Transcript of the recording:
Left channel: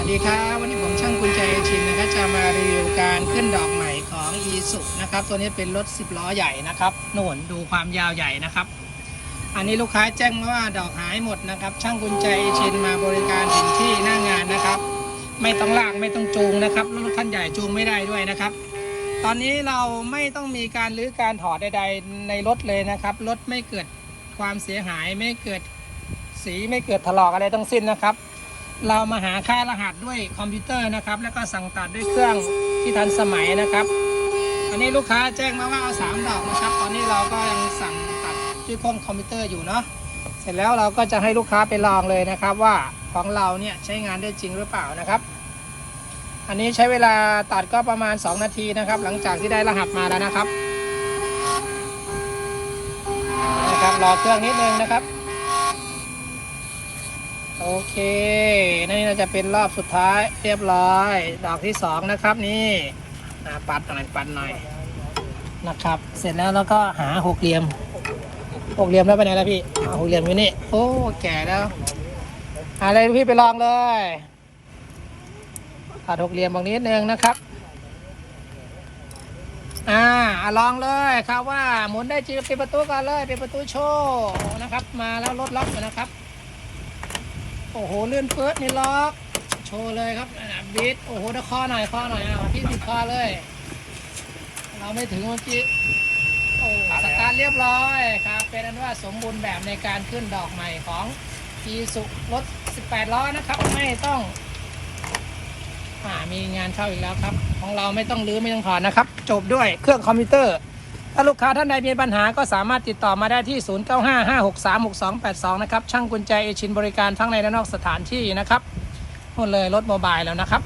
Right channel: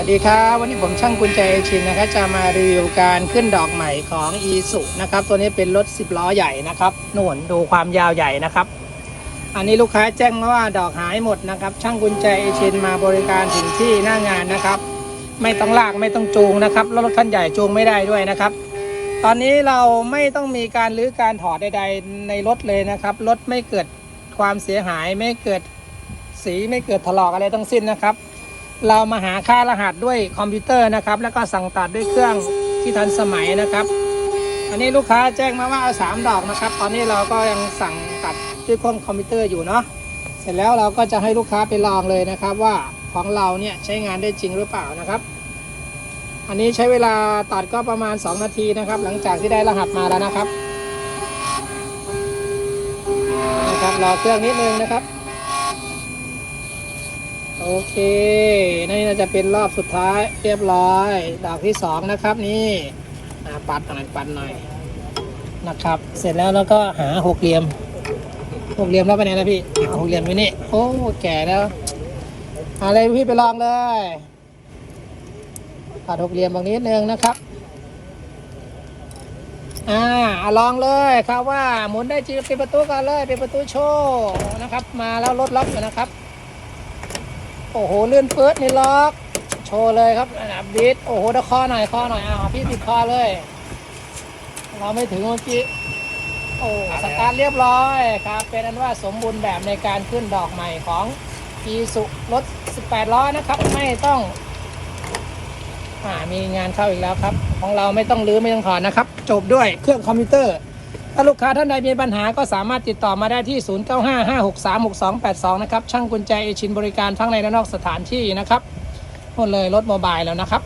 วัสดีครับวันนี้ผมช่างกุญแจเอชินนะครับจะมารีวิวการขึ้นดอกใหม่ของอีสุนะครับ ตัวนี้เป็นรถ 10 ล้อใหญ่นะครับหนวนดูความยาวใหญ่นะครับ อันนี้ลูกค้าแจ้งมาว่าดอกหายหมดนะครับ ช่างกุญแจเอชินมาบริการถึงที่หน้างานนะครับ ไม่ต้องลากไม่ต้องจูงนะครับรถคันใหญ่จูงไม่ได้ด้วยนะครับ ตอนนี้เราไม่ต้องมีการรื้อการถอดใด ๆ ในรถเลยนะครับรถไม่เกิดความเสียหายไม่เกิดสีไม่เกิดถลอกอะไรทั้งสิ้นนะครับ เรามาหาค่ารหัสด้วยคอมพิวเตอร์นะครับ แล้วก็สั่งตัดด้วยเครื่องที่ทันสมัยนะครับ อันนี้ลูกค้าแจ้งมาว่าเอาสามดอกนะครับ ตอนนี้เราก็ยังสั่งตัดด้วยเครื่องคอมพิวเตอร์อยู่เนาะเสร็จแล้วเราก็จะให้ลูกค้าไปลองเลยนะครับ ว่าของเราเนี่ยใช้งานได้จริงหรือเปล่านะครับ อันนี้ใช้เวลาตัดก็ประมาณ 2 นาทีนะครับ หลังจากที่ได้รหัสมาแล้วนะครับนะครับรอเครื่องนิดนึงนะครับ โอเค นี่น่าจะเป็นรอบสุดท้ายเรียบร้อย ดอกที่สองนะครับนี่ปัดหน่อยปัดหน่อยนะครับ เสร็จแล้วเราก็หาหกเหลี่ยมหกเหลี่ยมแล้วไปไหนแล้วพี่หกเหลี่ยมไว้นี่โอ้แก่แล้วอะไรพี่ไปลองเลยตัดหกเหลี่ยมตรงนี้นึงนะครับอ่าลองเลยครับว่าหมุนได้จริงปิดประตูก่อนเลยปิดประตูโชว์นะครับ มาแล้วรถล็อกนะครับ โอ้โหเลื่อนเฟิร์สนี่ล็อก โชว์เลยครับอับดิสโอ้โหตะคอหน่อยคอหน่อยอ่าพี่ติดคอเลย เราไม่ถึงเมื่อกี้โอ้สตาร์ทเรียบร้อยครับ เป็นอันว่าสมบูรณ์แบบในการขึ้นดอกใหม่ของอีสุรถ 18 ล้อนะครับ ไม่ต้องอ่ามีงานเข้าอีกแล้วครับ ของเราไม่ต้องรื้อไม่ต้องถอนนะครับ จบด้วยเครื่องคอมพิวเตอร์ ถ้าลูกค้าท่านใดมีปัญหาก็สามารถติดต่อมาได้ที่ 0955636282 นะครับ ช่างกุญแจเอชินบริการทั้งในและนอกสถานที่นะครับหมดเลยรถโมบายแล้วนะครับ